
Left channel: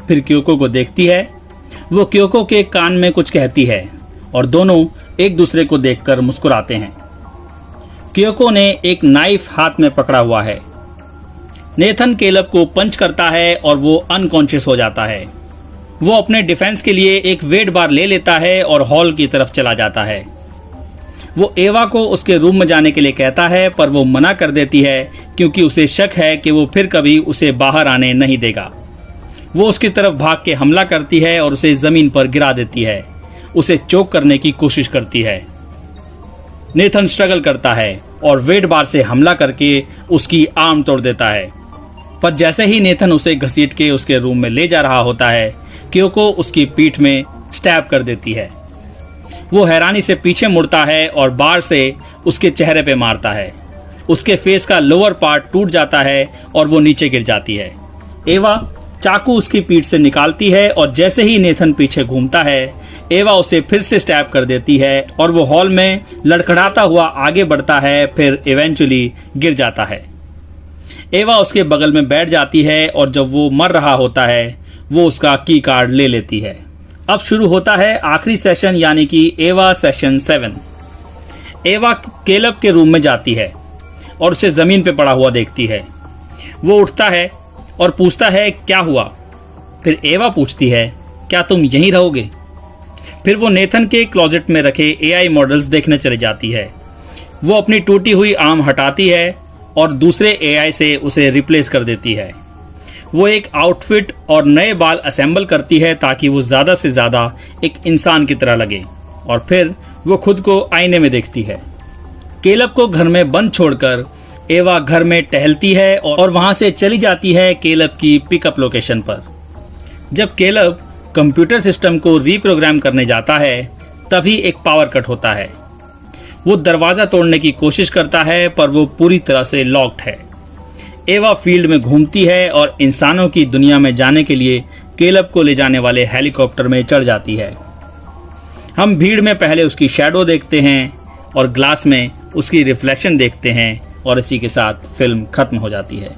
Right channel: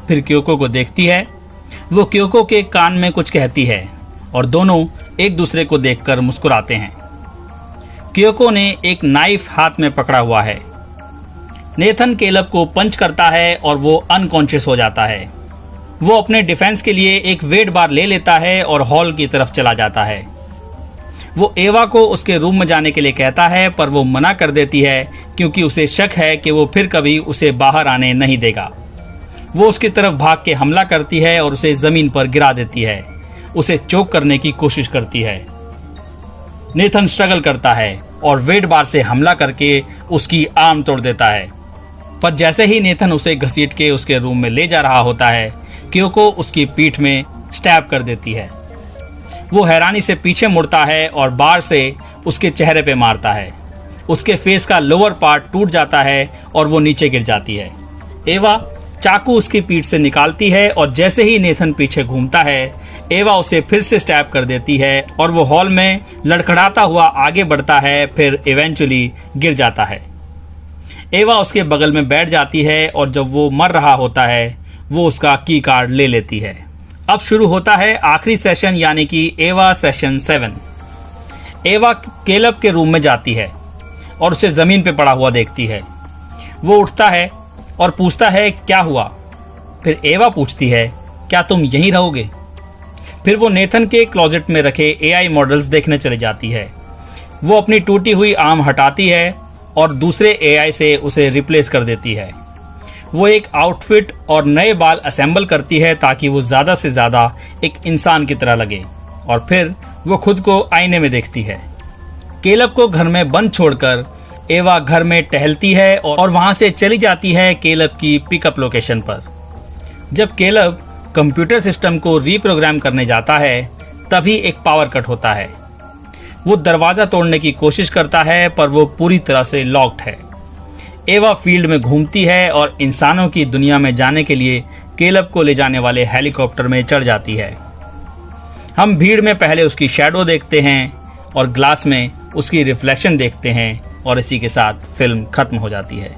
फिर क्योको को देखती है। वो क्योको के कान में कुछ कहती है और दोनों एक दूसरे को देखकर मुस्कुराते हैं। क्योको ने एक नाइफ हाथ में पकड़ा हुआ है। नेथन केलब को पंच करता है और वो अनकॉन्शियस हो जाता है। वो अपने डिफेंस के लिए एक वेट बार ले लेता है और हॉल की तरफ चला जाता है। वो एवा को उसके रूम में जाने के लिए कहता है, पर वो मना कर देती है क्योंकि उसे शक है कि वो फिर कभी उसे बाहर आने नहीं देगा। वो उसकी तरफ भाग के हमला करती है और उसे जमीन पर गिरा देती है। उसे चोक करने की कोशिश करती है। नेथन स्ट्रगल करता है और वेट बार से हमला करके उसकी आर्म तोड़ देता है, पर जैसे ही नेथन उसे घसीट के उसके रूम में ले जा रहा होता है, क्योको उसकी पीठ में स्टैब कर देती है। वो हैरानी से पीछे मुड़ता है और बार से उसके चेहरे पे मारता है। उसके फेस का लोअर पार्ट टूट जाता है और वो नीचे गिर जाती है। एवा चाकू उसकी पीठ से निकालती है और जैसे ही नेथन पीछे घूमता है, एवा उसे फिर से स्टैब कर देती है और वो हॉल में लड़खड़ाता हुआ आगे बढ़ता है, फिर इवेंचुअली गिर जाता है। एवा उसके बगल में बैठ जाती है और जब वो मर रहा होता है, वो उसका की कार्ड ले लेती है। अब शुरू होता है आखिरी सेशन, यानी कि एवा सेशन 7। एवा केलब के रूम में जाती है और उसे जमीन पे पड़ा हुआ देखती है। वो उठता है और पूछता है क्या हुआ। फिर एवा पूछती है क्या तुम यहीं रहोगे। फिर वो नेथन के क्लोजेट में रखे एआई मॉडल्स देखने चली जाती है। वो अपनी टूटी हुई आर्म हटाती है और दूसरे एआई से उसे रिप्लेस कर देती है। वो एक आउटफिट और नए बाल असेंबल करती है ताकि वो ज्यादा से ज्यादा एक इंसान की तरह लगे, और फिर वो खुद को आईने में देखती है। केलब को घर में बंद छोड़कर एवा घर में टहलती है और वहां से चली जाती है केलब की पिकअप लोकेशन पर। जब केलब कंप्यूटर सिस्टम को रीप्रोग्राम करने जाता है तभी एक पावर कट होता है। वो दरवाजा तोड़ने की कोशिश करता है पर वो पूरी तरह से लॉक्ड है। एवा फील्ड में घूमती है और इंसानों की दुनिया में जाने के लिए केलब को ले जाने वाले हेलीकॉप्टर में चढ़ जाती है। हम भीड़ में पहले उसकी शैडो देखते हैं और ग्लास में उसकी रिफ्लेक्शन देखते हैं और इसी के साथ फिल्म खत्म हो जाती है।